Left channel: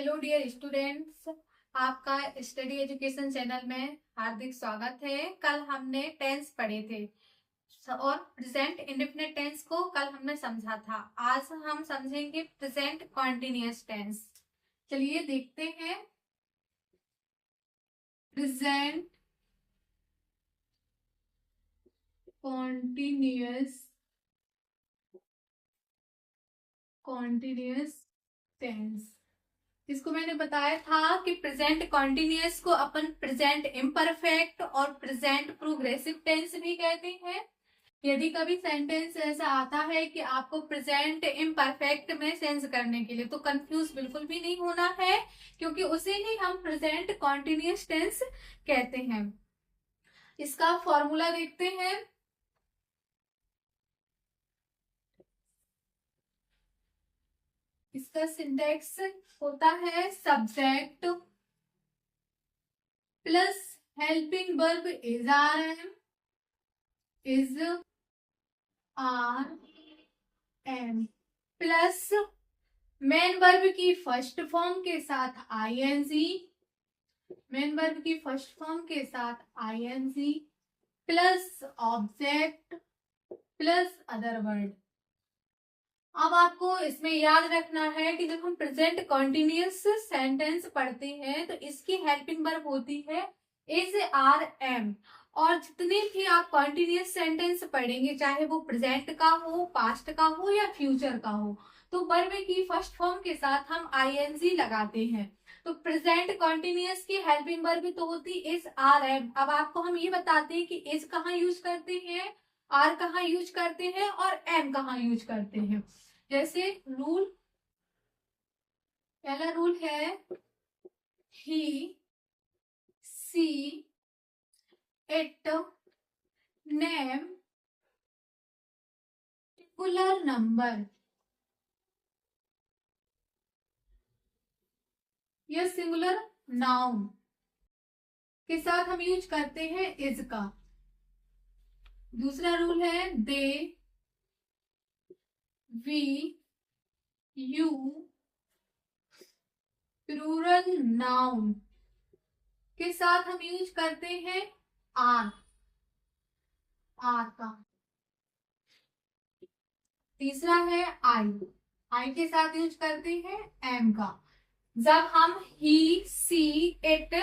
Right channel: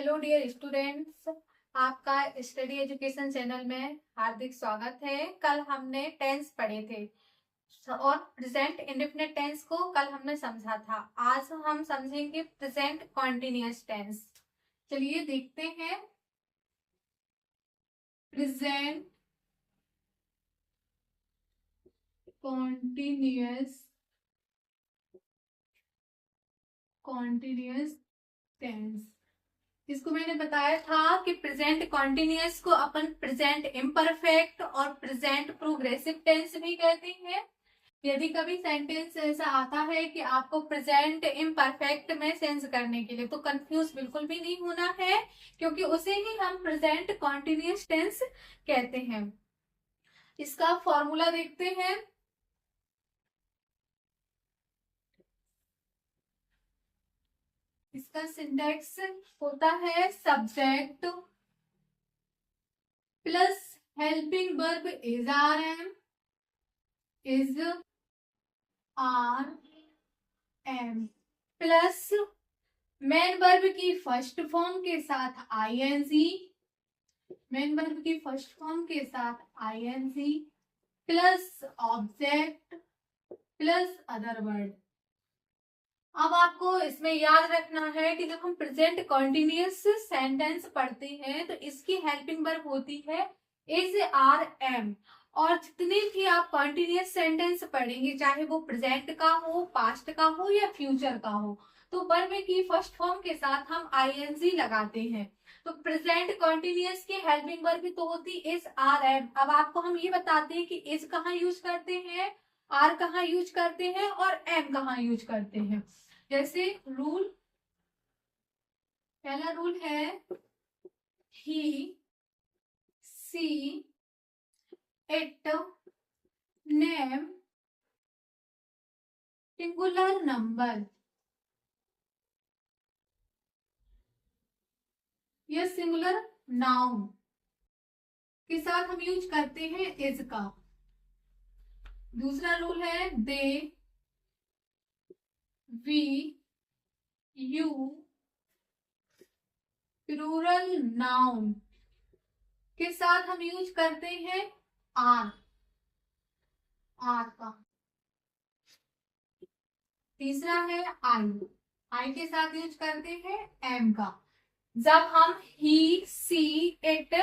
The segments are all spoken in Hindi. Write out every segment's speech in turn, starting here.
हेलो डियर स्टूडेंट्स, आपका स्टडी एजुकेशन चैनल में हार्दिक स्वागत है। कल हमने टेंस पढ़े थे और प्रेजेंट इंडेफिनिट टेंस को कल हमने समझा था। आज हम समझेंगे प्रेजेंट कॉन्टिन्यूअस टेंस। चलिए देखते हैं। प्रेजेंट कॉन्टिन्यूअस टेंस, इसको मैंने बताया था कि प्रेजेंट कॉन्टिन्यूअस को अपन प्रेजेंट इम्परफेक्ट और प्रेजेंट प्रोग्रेसिव टेंस भी कहते हैं। यदि कभी सेंटेंस ऐसा आता है कि आपको प्रेजेंट इम्परफेक्ट में सेंस करने के लिए, तो कंफ्यूज बिल्कुल भी नहीं होना है, क्योंकि उसे ही हम प्रेजेंट कॉन्टिन्यूअस टेंस कहते हैं। इसका फॉर्मूला देखते हैं। इसका सिंटैक्स होता है subject plus helping verb is are am plus main verb की फर्स्ट फॉर्म के साथ आईएनजी, मेन वर्ब की फर्स्ट फॉर्म के साथ I N G plus object plus other word. अब आपको इसमें याद रखना है कि जब हम प्रेजेंट कॉन्टिन्यूअस सेंटेंस पढ़ते हैं तो इसकी हेल्पिंग वर्ब होती है इज आर एम। और जितने भी आप कॉन्टिन्यूअस सेंटेंस पढ़ेंगे, चाहे वो प्रेजेंट का हो, पास्ट का हो या फ्यूचर का हो, तो वर्ब की फर्स्ट फॉर्म के साथ हम आईएनजी लगाते हैं। तो प्रेजेंट कॉन्टिन्यूअस की हेल्पिंग वर्ब तो होती इज आर एम। अब आपको हम ये बताते हैं कि इज कहाँ यूज करते हैं, आर कहाँ यूज करते हैं और एम कहाँ यूज करते हैं। जैसे रूल, पहला रूल है he she it name singular number या सिंगुलर नाउन के साथ हम यूज करते हैं इज का। दूसरा रूल है दे वी यू प्लूरल नाउन के साथ हम यूज करते हैं आर, आर का। तीसरा है आई, आई के साथ यूज करते हैं एम का। जब हम he she it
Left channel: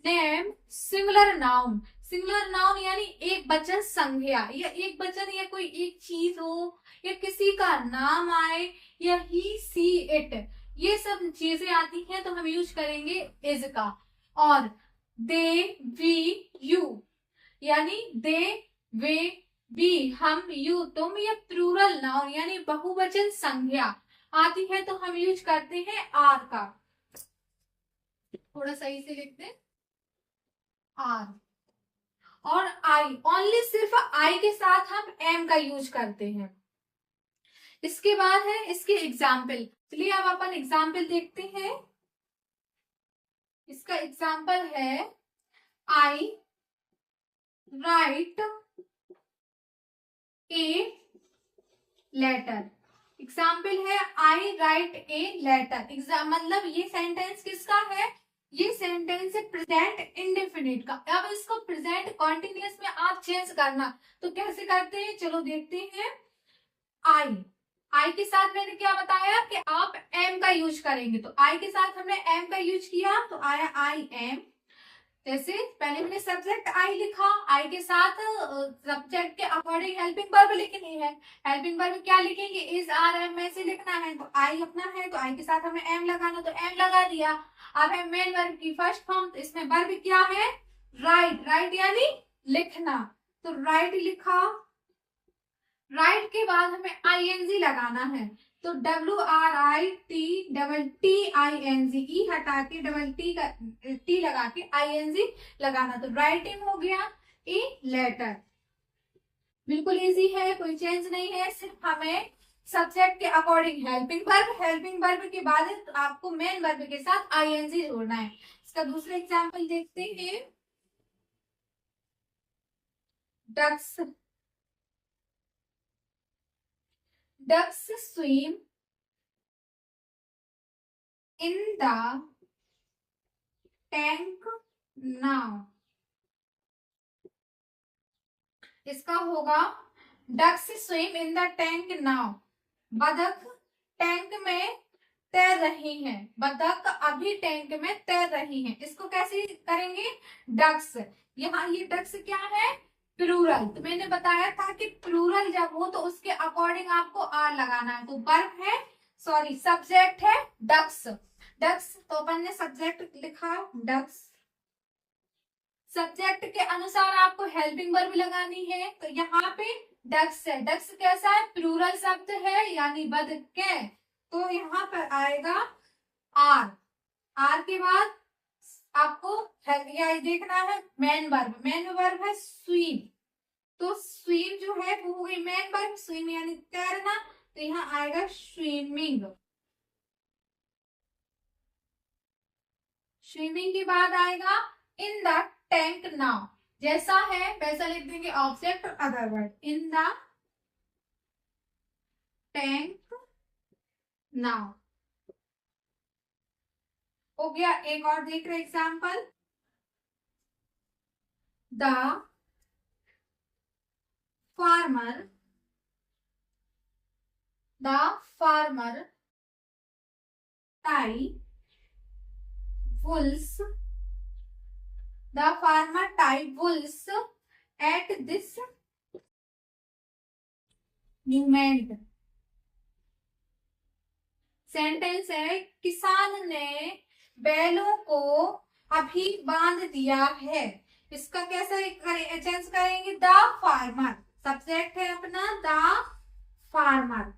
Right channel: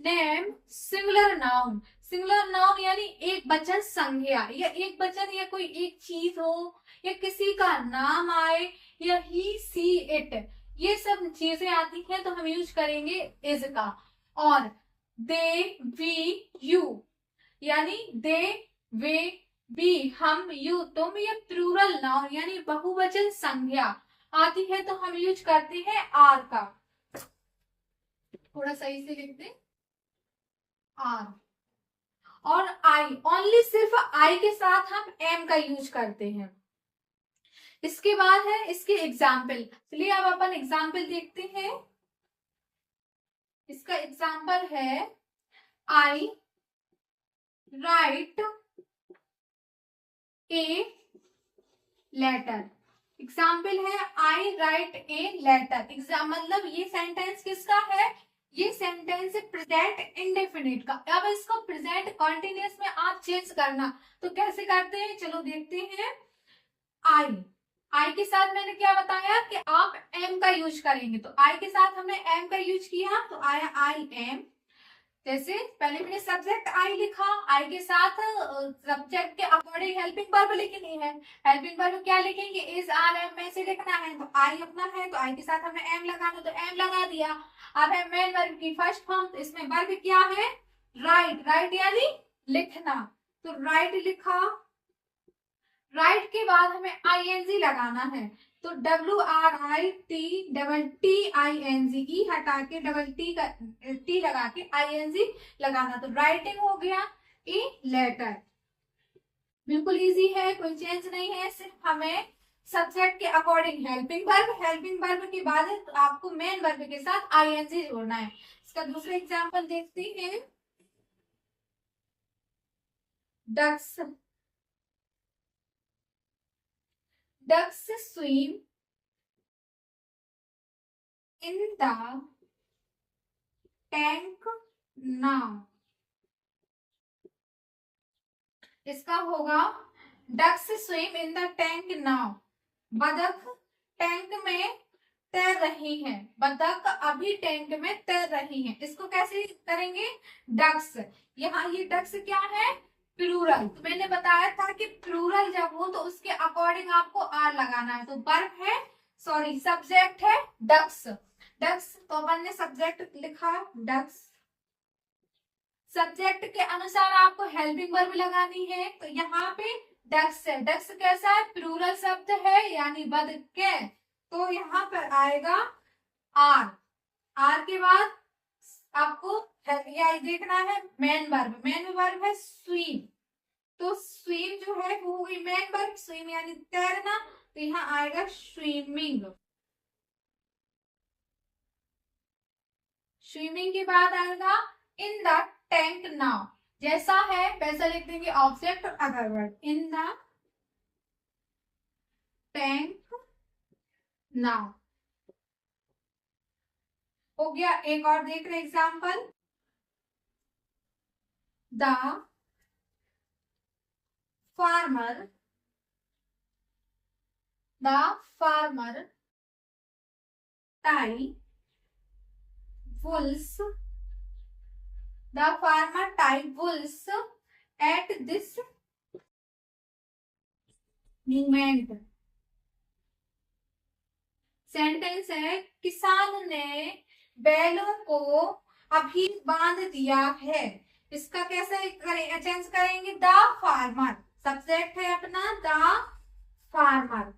name singular noun, singular noun यानी एक वचन संज्ञा या एक वचन या कोई एक चीज हो या किसी का नाम आए या ही सी इट, ये सब चीजें आती हैं तो हम यूज करेंगे इज का। और दे वी यू यानी दे वे बी हम यू तुम, या प्लूरल नाउन यानी बहुवचन संज्ञा आती है तो हम यूज करते हैं आर का। थोड़ा सही से लिख दे, आर। और आई, ओनली सिर्फ आई के साथ हम एम का यूज करते हैं। इसके बाद है इसके एग्जाम्पल। चलिए अब अपन एग्जाम्पल देखते हैं। इसका एग्जाम्पल है आई राइट ए लेटर। एग्जाम्पल है आई राइट ए लेटर। एग्जाम मतलब ये सेंटेंस किसका है, ये सेंटेंस है प्रेजेंट इंडेफिनिट का। अब इसको प्रेजेंट कॉन्टिन्यूअस में आप चेंज करना तो कैसे करते हैं, चलो देखते हैं। आई, आई के साथ मैंने क्या बताया कि आप एम का यूज करेंगे, तो आई के साथ हमने एम का यूज किया तो आया आई एम। जैसे पहले मैंने सब्जेक्ट आई लिखा, आई के साथ सब्जेक्ट के अकॉर्डिंग हेल्पिंग वर्ब लिखनी है। हेल्पिंग वर्ब क्या लिखेंगे, इज आर एम में से लिखना है, तो आई अपना है तो आई के साथ हमें एम लगाना, तो एम लगा दिया। अब है मेन वर्ब की फर्स्ट फॉर्म, तो इसमें वर्ब क्या है, राइट, राइट यानी लिखना, तो राइट लिखा। राइट के बाद हमें आईएनजी लगाना है, तो W R I T double T I N G, E हटा के डबल टी का टी लगा के आईएनजी लगाना, तो राइटिंग हो गया ए लेटर। बिल्कुल इजी है, कोई चेंज नहीं है, सिर्फ हमें सब्जेक्ट के according helping verb, helping verb के बाद तो आपको मेन वर्ब के साथ आईएनजी जोड़ना है। इसका दूसरा एग्जाम्पल देखते हैं। Ducks, ducks swim in the tank now. इसका होगा ducks swim in the tank now. बतख टैंक में तैर रही है, बतख अभी टैंक में तैर रही है। इसको कैसे करेंगे? डक्स। यहाँ ये डक्स क्या है? प्लूरल। तो मैंने बताया था कि प्लूरल जब हो तो उसके अकॉर्डिंग आपको आर लगाना है। तो वर्ब है, सॉरी सब्जेक्ट है डक्स। डक्स तो अपन ने सब्जेक्ट लिखा डक्स। सब्जेक्ट के अनुसार आपको हेल्पिंग वर्ब लगानी है। तो यहाँ पे डक्स है। डक्स कैसा है? प्लूरल शब्द है, यानी बतखें। तो यहाँ पर आएगा आर। आर के बाद आपको देखना है मेन वर्ब। मेन वर्ब है स्विम। तो स्विम जो है वो हो गई मेन वर्ब। स्विम यानी तैरना। तो यहाँ आएगा स्विमिंग। स्विमिंग के बाद आएगा इन द टैंक नाउ। जैसा है वैसा लिख देंगे ऑब्जेक्ट और other word. In the tank now हो गया। एक और देख रहे example. The farmer tie Wolves The farmer tied wools at this moment. Sentence है किसान ने बैलों को अभी बांध दिया है। इसका कैसे चेंज करेंगे? The farmer. सब्जेक्ट है अपना द फार्मर।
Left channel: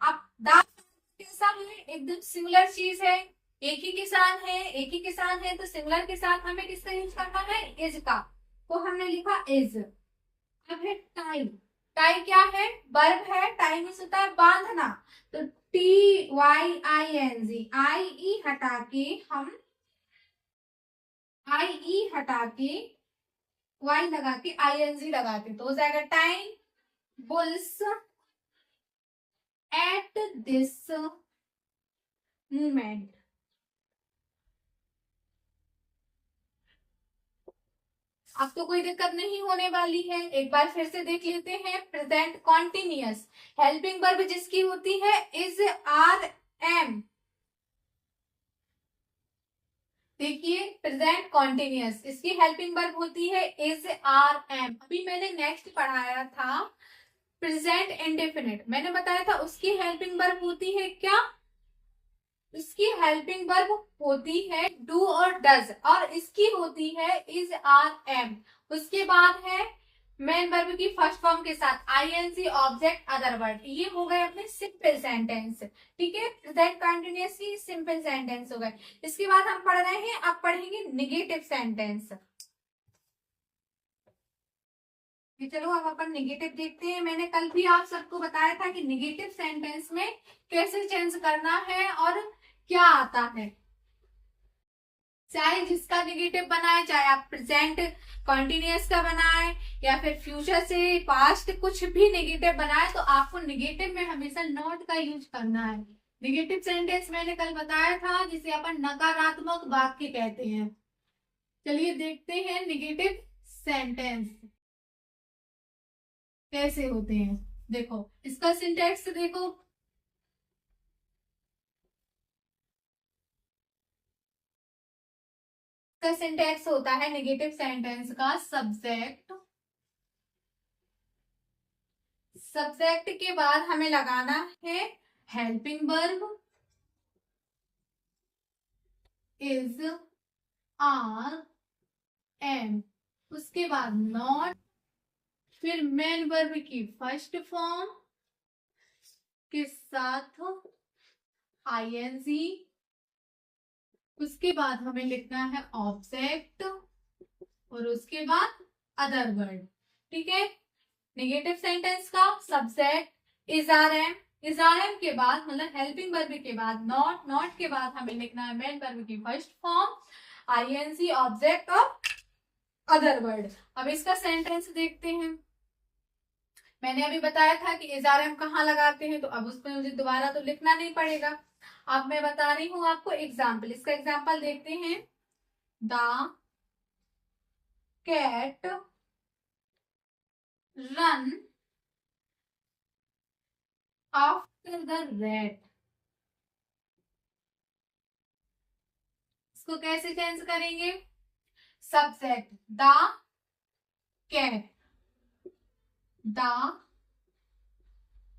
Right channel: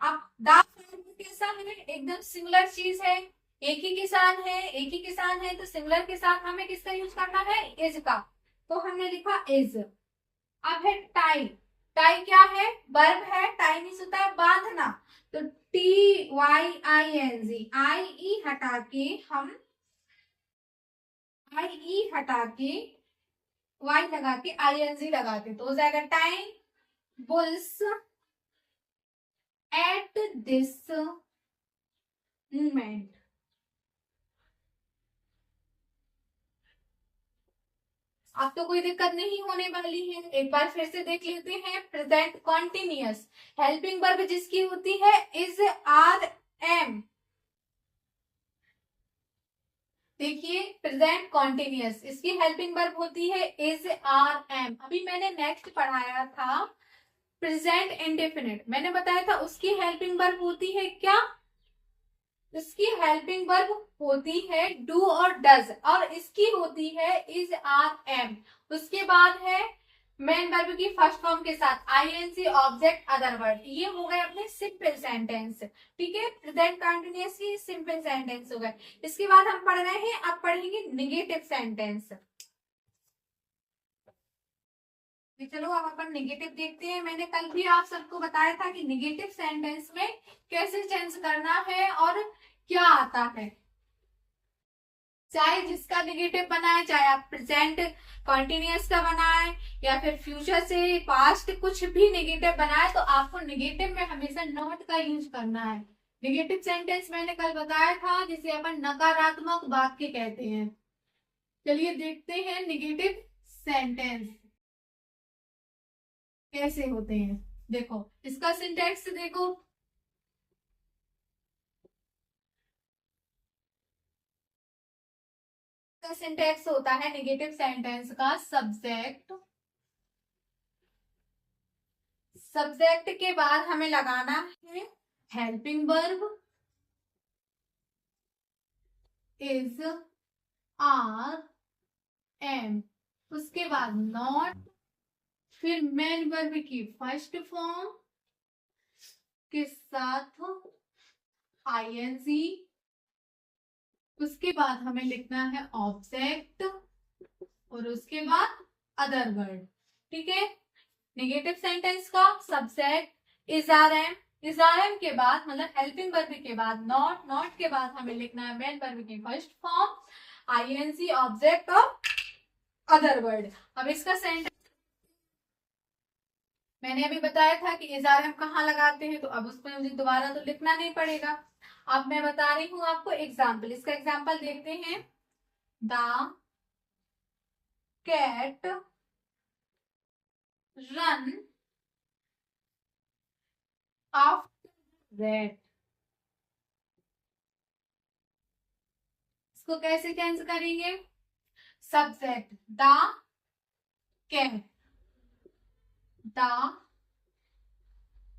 अब द फार्मर कैसा है? एकदम सिंगुलर चीज है। एक ही किसान है, एक ही किसान है। तो सिंगुलर के साथ हमें किसका यूज करना है? इज का। तो हमने लिखा इज। अब है टाई। टाई क्या है? वर्ब है। टाई मीन्स होता है बांधना। तो TYING, आई ई हटा के हम वाई लगा के ING लगा के तो हो जाएगा time bulls at this moment. अब तो कोई दिक्कत नहीं होने वाली है। एक बार फिर से देख लेते हैं। प्रेजेंट कॉन्टिन्यूअस हेल्पिंग वर्ब जिसकी होती है इज आर एम। देखिए प्रेजेंट कॉन्टिन्यूअस इसकी हेल्पिंग वर्ब होती है इज आर एम। अभी मैंने नेक्स्ट पढ़ाया था प्रेजेंट इंडेफिनिट। मैंने बताया था उसकी हेल्पिंग वर्ब होती है क्या? इसकी हेल्पिंग वर्ब होती है डू और डज, और इसकी होती है इज आर एम। उसके बाद है मेन वर्ब की फर्स्ट फॉर्म के साथ ING ऑब्जेक्ट अदर वर्ड। ये हो गए अपने सिंपल सेंटेंस। ठीक है, प्रेजेंट कंटिन्यूअस की सिंपल सेंटेंस हो गए। इसके बाद हम पढ़ रहे हैं, अब पढ़ेंगे निगेटिव सेंटेंस। चलो अब अपन निगेटिव देखते हैं। मैंने कल भी आप सबको बताया था कि निगेटिव सेंटेंस में कैसे चेंज करना है और क्या आता है। चाहे जिसका निगेटिव बनाए, चाहे आप प्रेजेंट कॉन्टिन्यूअस का बनाए या फिर फ्यूचर से पास्ट कुछ भी निगेटिव बनाए, तो आपको निगेटिव में हमेशा नॉट का यूज करना है। निगेटिव सेंटेंस मैंने कल बताया था जिसे अपन नकारात्मक वाक्य कहते हैं। चलिए देखते हैं निगेटिव सेंटेंस कैसे होते हैं। देखो इसका सिंटेक्स देखो। इसका सिंटेक्स होता है निगेटिव सेंटेंस का सब्जेक्ट के बाद हमें लगाना है helping verb is are am. उसके बाद नॉट, फिर मेन वर्ब की फर्स्ट फॉर्म के साथ ING। उसके बाद हमें लिखना है ऑब्जेक्ट और उसके बाद अदर वर्ड। ठीक है, नेगेटिव सेंटेंस का subject is are am, is are am के बाद मतलब हेल्पिंग वर्ब के बाद नॉट, नॉट के बाद हमें लिखना है मेन वर्ब की फर्स्ट फॉर्म ING ऑब्जेक्ट और अदर वर्ड। अब इसका सेंटेंस देखते हैं। मैंने अभी बताया था कि इज आर एम कहाँ लगाते हैं, तो अब उसमें मुझे दोबारा तो लिखना नहीं पड़ेगा। अब मैं बता रही हूं आपको एग्जाम्पल, इसका एग्जाम्पल देखते हैं। The cat run after the rat. इसको कैसे चेंज करेंगे? Subject the cat, the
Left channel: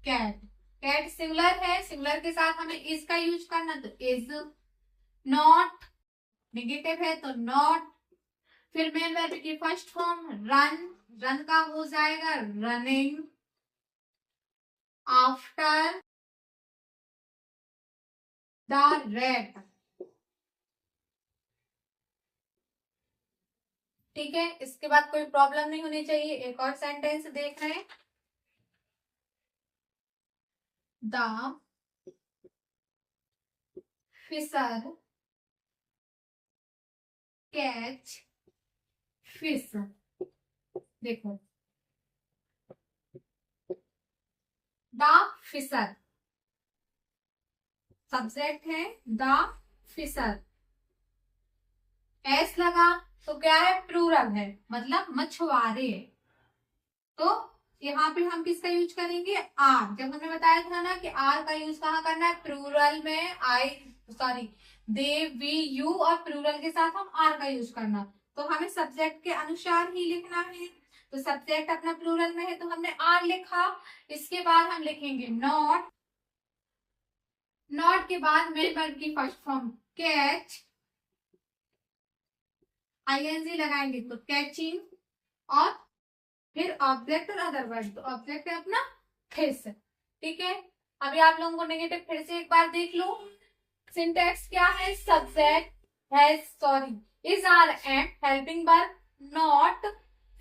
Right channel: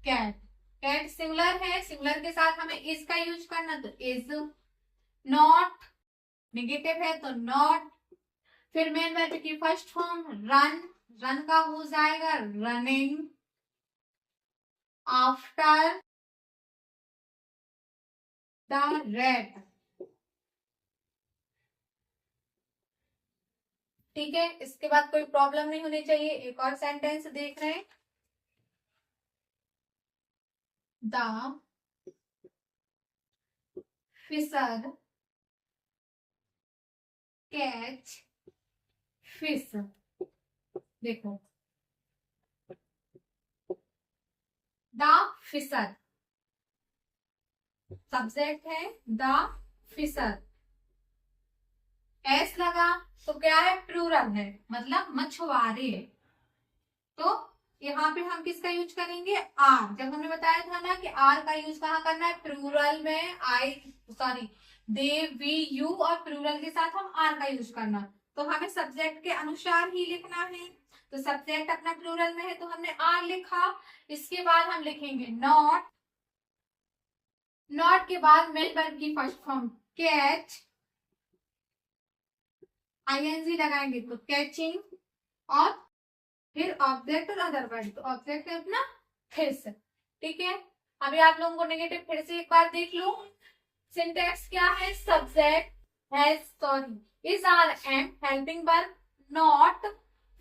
cat, cat singular है, सिंगुलर के साथ हमें इज का यूज करना, तो इज। नॉट नेगेटिव है तो नॉट। फिर मेन वर्ब की फर्स्ट फॉर्म रन, रन का हो जाएगा रनिंग आफ्टर द रेट। ठीक है, इसके बाद कोई प्रॉब्लम नहीं होनी चाहिए। एक और सेंटेंस देख रहे हैं। The fisher catch fish. देखो द फिशर सब्जेक्ट है, द फिशर, एस लगा तो क्या है? प्लूरल है, मतलब मछुआरे। तो यहाँ पे हम किसका यूज करेंगे? आर। जब हमने बताया था ना कि आर का यूज कहाँ करना है? प्लूरल में दे वी यू, और प्लूरल के साथ हम आर का यूज करना। तो हमें सब्जेक्ट के अनुसार ही लिखना है। तो सब्जेक्ट अपना प्लूरल में है तो हमने आर लिखा। इसके बाद हम लिखेंगे नॉट, नॉट के बाद मेन वर्ब की फर्स्ट फॉर्म कैच, आईएनजी लगाएंगे तो कैचिंग, और फिर ऑब्जेक्ट और अदर वर्ड। तो ऑब्जेक्ट है अपना फिश। ठीक है, अभी आप लोगों को नेगेटिव फिर से एक बार देख लो। सिंटेक्स क्या है? Subject is are am, helping verb not,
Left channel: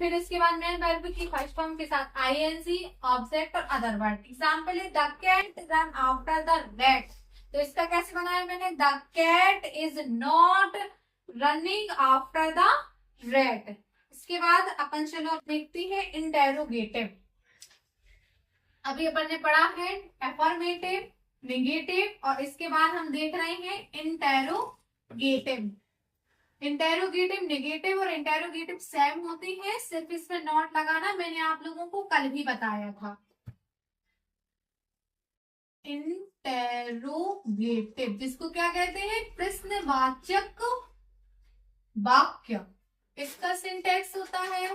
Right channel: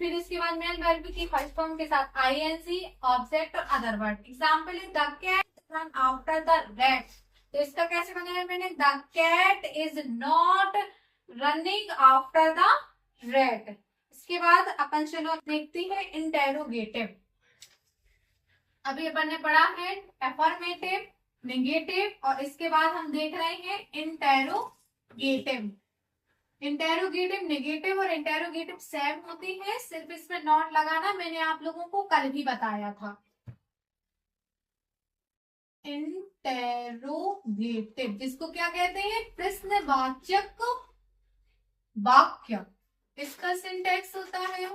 फिर इसके बाद मेन वर्ब की फर्स्ट फॉर्म के साथ आईएनजी, ऑब्जेक्ट और अदर वर्ड। एग्जांपल है the cat run after the rat. तो इसका कैसे बनाया मैंने? The cat is not running after the rat. इसके बाद अपन चलो देखते हैं इंटेरोगेटिव। अभी अपन ने पढ़ा है एफर्मेटिव, नेगेटिव, और इसके बाद हम देख रहे हैं इंटेरोगेटिव। इंटेरोगेटिव, नेगेटिव और इंटेरोगेटिव सेम होती है, सिर्फ इसमें नॉट लगाना मैंने आप लोगों को कल भी बताया था। इंटेरोगेटिव जिसको क्या कहते हैं? प्रश्नवाचक वाक्य। इसका सिंटेक्स होता है,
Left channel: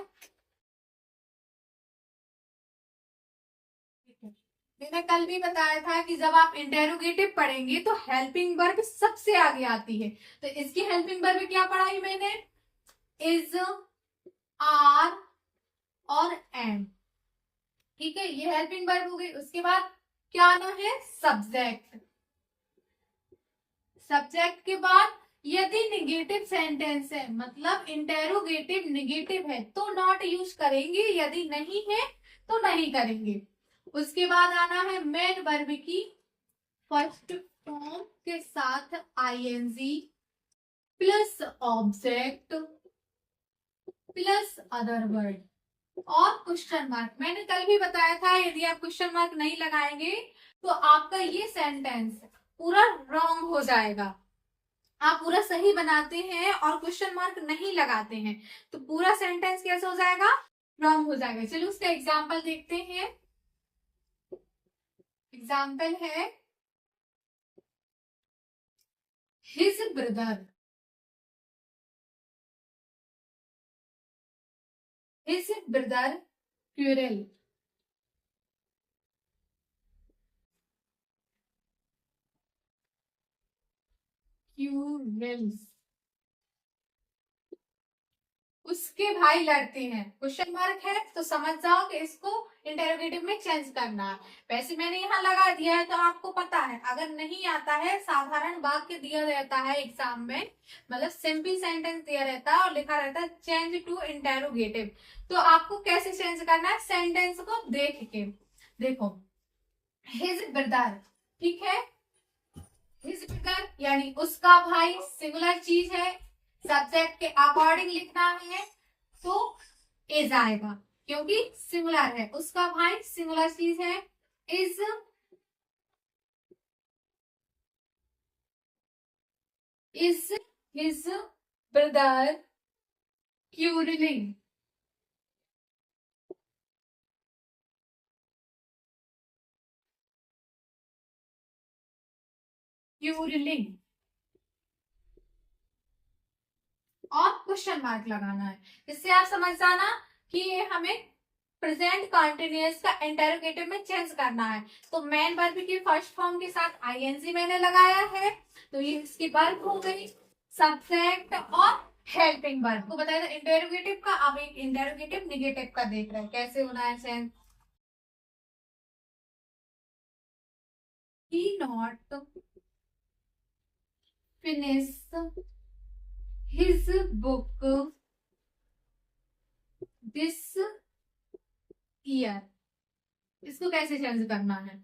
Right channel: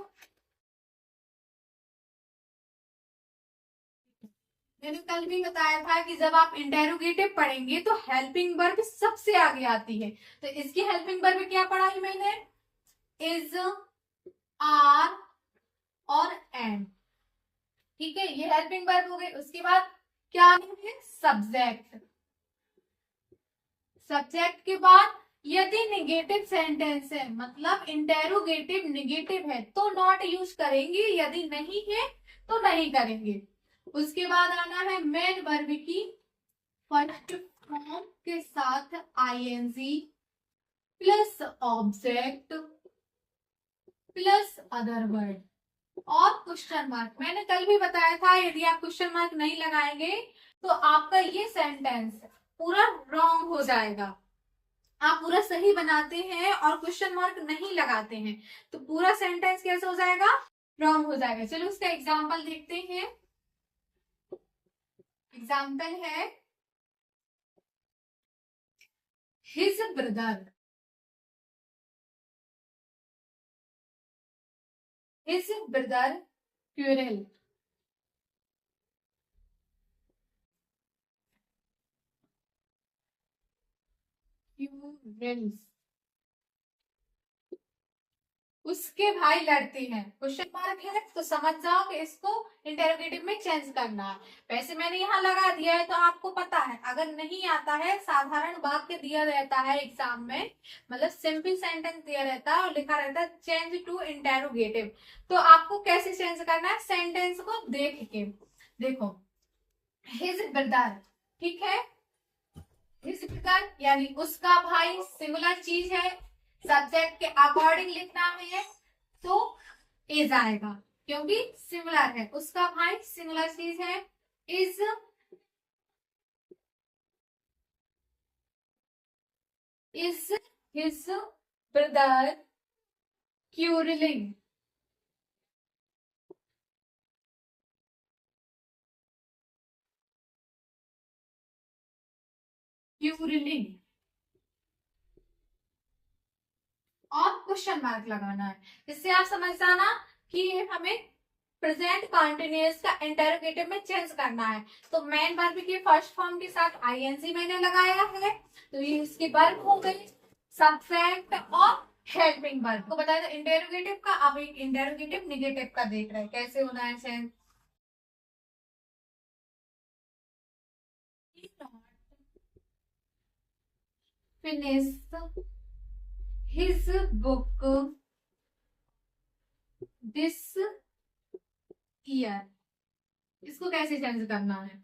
मैंने कल भी बताया था कि जब आप इंटेरोगेटिव पढ़ेंगे तो हेल्पिंग वर्ब सबसे आगे आती है। तो इसकी हेल्पिंग वर्ब क्या पढ़ाई मैंने? इज, आर और एम। ठीक है, ये हेल्पिंग वर्ब हो गई। उसके बाद क्या आना है? सब्जेक्ट। सब्जेक्ट के बाद यदि निगेटिव सेंटेंस है, मतलब इंटेरोगेटिव निगेटिव है, तो नॉट यूज करेंगे, यदि नहीं है तो नहीं करेंगे। उसके बाद आना है मेन वर्ब की फर्स्ट फॉर्म के साथ I N G plus object plus other word और क्वेश्चन मार्क। मैंने कल भी बताया था यदि आप क्वेश्चन मार्क नहीं लगाएंगे तो आपका ये सेंटेंस पूरा रॉन्ग हो जाएगा। आप पूरा सही बनाते हैं और क्वेश्चन मार्क नहीं लगाते हैं तो पूरा सेंटेंस कैसे हो जाएगा? रॉन्ग हो जाएगा। चलो उसका एग्जाम्पल देखते हैं। एग्जाम्पल है his brother, his brother quarrel. Quarrels, उसके भाई लड़ते हैं। क्वेश्चन मार्क है तो समझ जाओ कि इसको इंटेरोगेटिव में चेंज करना है। वैसे मैंने यहाँ लगा दिया है तो आपको पता है। अगर नहीं आता है, साधारण वाक्य दिया रहता है एग्जाम में, मतलब सिंपल सेंटेंस दिया रहता है और लिखा रहता है चेंज टू इंटेरोगेटिव, तो आपको कैसे चेंज करना है? सेंटेंस को देख के देखो। हिज ब्रदर, ठीक है, हिज ब्रदर यानी उसका भाई, सिंगुलर चीज है, सब्जेक्ट के अकॉर्डिंग लिखना है तो इज आएगा क्योंकि सिंगुलर है। उसका भाई सिंगुलर चीज है, इज इज हिज ब्रदर क्यूरलिंग। क्यूरलिंग और क्वेश्चन मार्क लगाना है। इससे आप समझ जाना कि हमें प्रेजेंट कंटिन्यूअस का इंटरोगेटिव में चेंज करना है। तो मेन वर्ब की फर्स्ट फॉर्म के साथ आईएनजी मैंने लगाया है, तो ये इसकी वर्ब हो गई, सब्जेक्ट और हेल्पिंग वर्ब को बताया था इंटरोगेटिव का। अब एक इंटरोगेटिव निगेटिव का देख रहे हैं कैसे होना है change. He not finish his book this year. इसको कैसे चेंज करना है?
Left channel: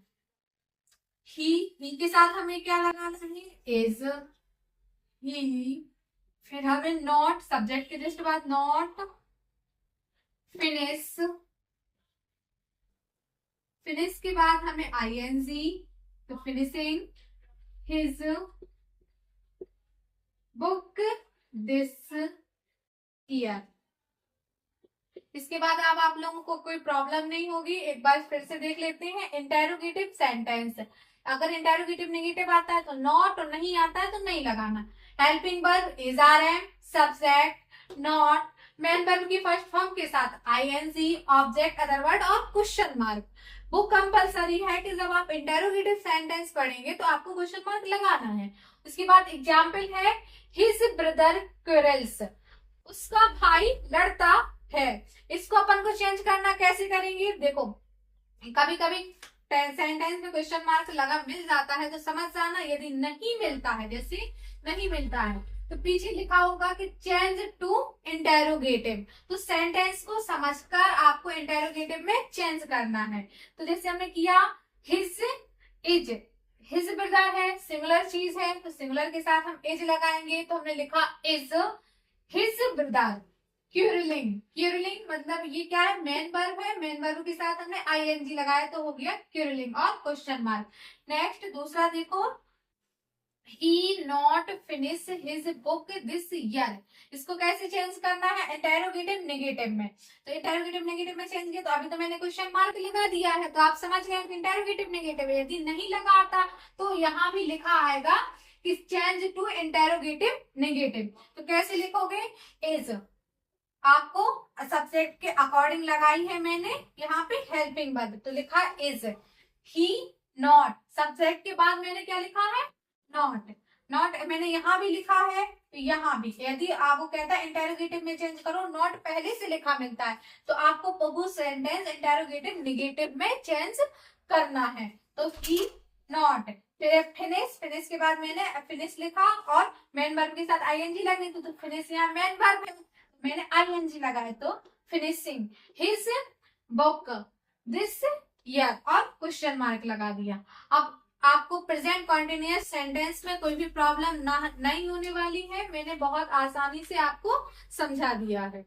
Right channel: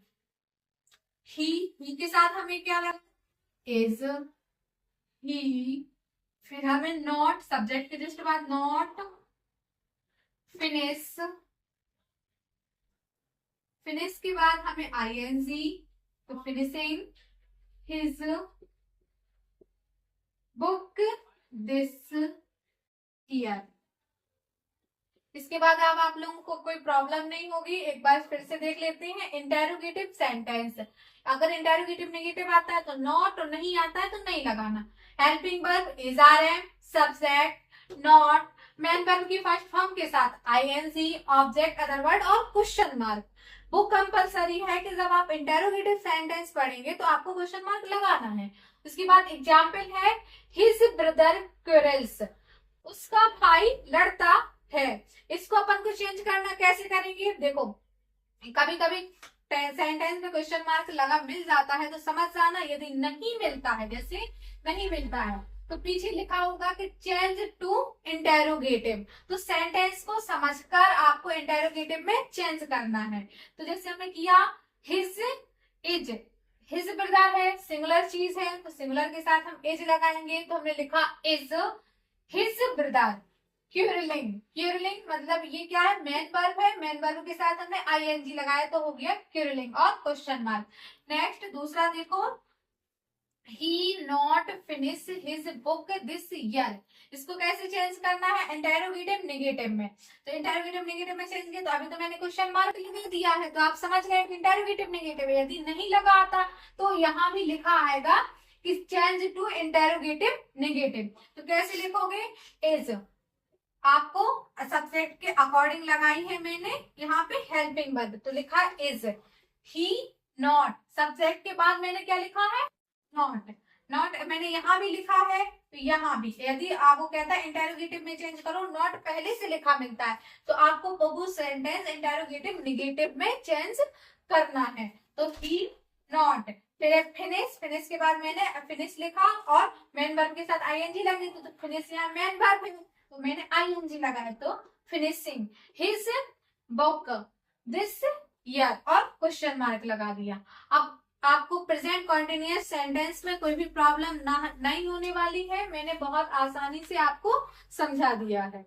ही के साथ हमें क्या लगाना है? इज, ही, फिर हमें नॉट, सब्जेक्ट के जस्ट बाद नॉट, फिनिश, फिनिश के बाद हमें आईएनजी, तो finishing his book this year. इसके बाद अब आप लोगों को कोई प्रॉब्लम नहीं होगी। एक बार फिर से देख लेते हैं इंटेरोगेटिव सेंटेंस। अगर इंटेरोगेटिव नेगेटिव आता है तो नॉट, और नहीं आता है तो नहीं लगाना। Helping verb is, are am, subject, not, main verb की फर्स्ट फॉर्म के साथ आईएनजी, ऑब्जेक्ट, अदर वर्ड और क्वेश्चन मार्क। वो कंपलसरी है कि जब आप इंटेरोगेटिव सेंटेंस पढ़ेंगे तो आपको क्वेश्चन मार्क लगाना है। उसके बाद एग्जाम्पल है हिज ब्रदर क्वेरल्स, उसका भाई लड़ता है। इसको अपन को चेंज करना कैसे करेंगे? देखो कभी कभी सेंटेंस में क्वेश्चन मार्क लगा मिल जाता है तो समझ जाना। यदि नहीं मिलता है, जैसे नहीं मिलता है तो पीछे लिखा होगा कि चेंज टू इंटेरोगेटिव, तो सेंटेंस को समझकर आपको इंटेरोगेटिव में चेंज करना है। तो जैसे हमने किया हिज इज, हिज ब्रदर है, सिंगुलर चीज है तो सिंगुलर के साथ हम इज लगाएंगे, तो हमने लिखा इज हिज ब्रदर क्यूरलिंग। क्यूरलिंग मतलब ये क्या है? मेन वर्ब है, मेन वर्ब के साथ हमने आईएनजी लगाया तो हो गया क्यूरलिंग और क्वेश्चन मार्क। नेक्स्ट दूसरा देखो, he not finish his book this year. इसको कैसे चेंज करना है? इंटेरोगेटिव नेगेटिव में। तो इंटेरोगेटिव नेगेटिव में चेंज किया, तो अभी तो मैंने क्वेश्चन मार्क लगा दिया है तो आप समझ गए कि इंटेरोगेटिव नेगेटिव है। यदि नहीं लगाता तो यहाँ भी लिखा आएगा कि चेंज टू इंटेरोगेटिव नेगेटिव। तो कैसे लिखोगे? इज, आपको सब्जेक्ट के अकॉर्डिंग लगाई है मैंने यहाँ पे हेल्पिंग वर्ब, तो लिखा इज। ही नॉट, सब्जेक्ट के बाद मैंने क्या लिखा है? नॉट। नॉट मैंने यहाँ भी लिखा है तो यहाँ भी। यदि आपको कहता है इंटेरोगेटिव में चेंज करो, नॉट पहले से लिखा मिलता है तो आपको बहु सेंटेंस इंटेरोगेटिव नेगेटिव में चेंज करना है। तो ही नॉट, फिर फिनिश, फिनिश के बाद मैंने फिनिश लिखा और मेन वर्ब के साथ आईएनजी लगनी थी तो फिनिश यहाँ मेन वर्ब है तो मैंने आईएनजी लगाया तो finishing his book this year और क्वेश्चन मार्क लगा दिया। अब आपको प्रेजेंट कॉन्टिन्यूअस सेंटेंस में कोई भी प्रॉब्लम नहीं होने वाली है, मैंने बहुत आसानी से आपको समझा दिया है।